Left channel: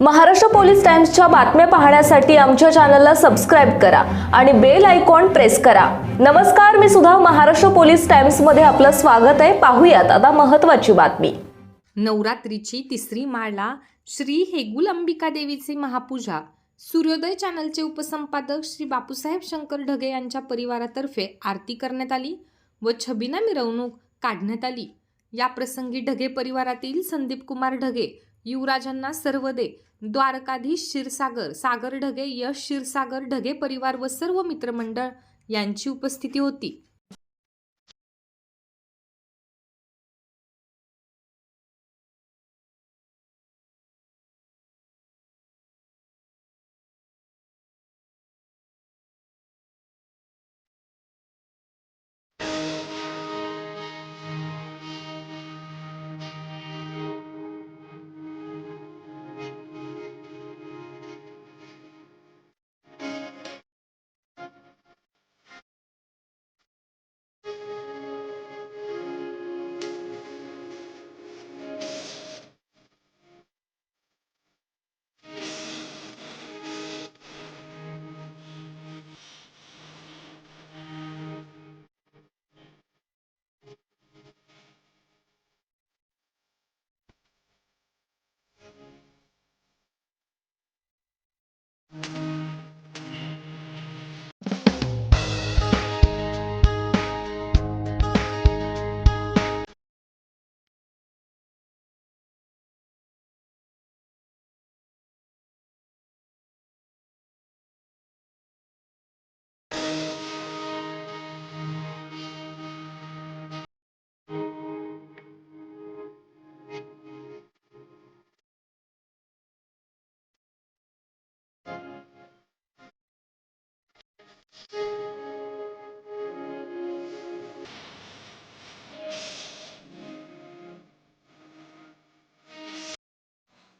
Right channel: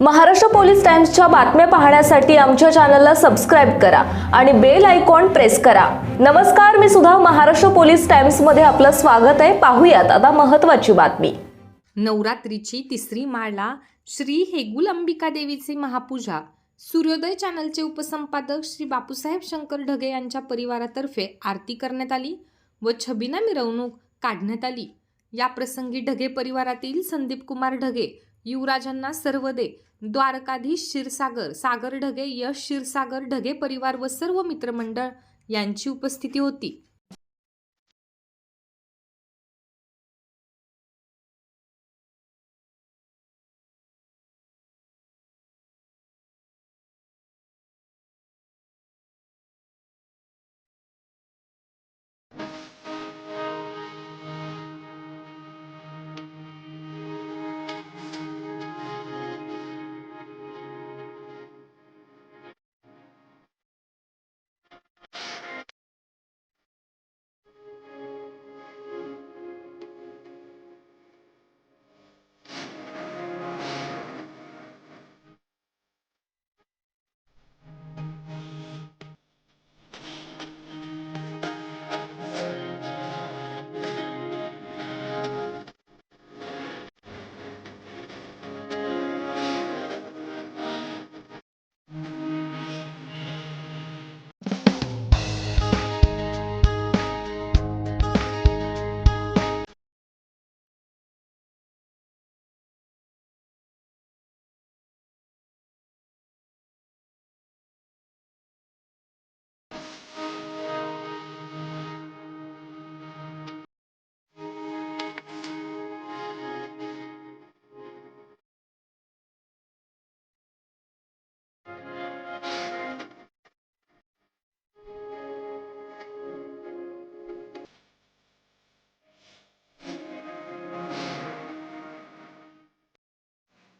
Maharashtra police टाइम्सच्या बातम्या पाहण्यासाठी आमच्या चॅनलला सबस्क्राईब करा आणि बेल आयकॉन प्रेस करा. नमस्कार मी सुद्धा महाराष्ट्र पोलीस टाइम्समध्ये आपलं स्वागत आहे. पाहूयात आता महत्त्वाची बातमी. नवरात्रीची तिसरी माळा श्री हेगुल अंबिका देवीची महापूजा. सूर्योदय चॅनलचे उपसंपादक श्री बापूसाहेब शंकर ढगे यांच्या परिवारातर्फे आरती करण्यात आली व छबिना मिरवणूक काढण्यात आली. या प्रसंगी ढगे परिवारातील संदीप कुमार ढगे युवराजांना सर्व दे. द्वारकाधीश क्षीरसागर सागर ढगे यश क्षीरसागर ढगे परिवार व सर्व मित्रमंडळ यांची उपस्थिती होती.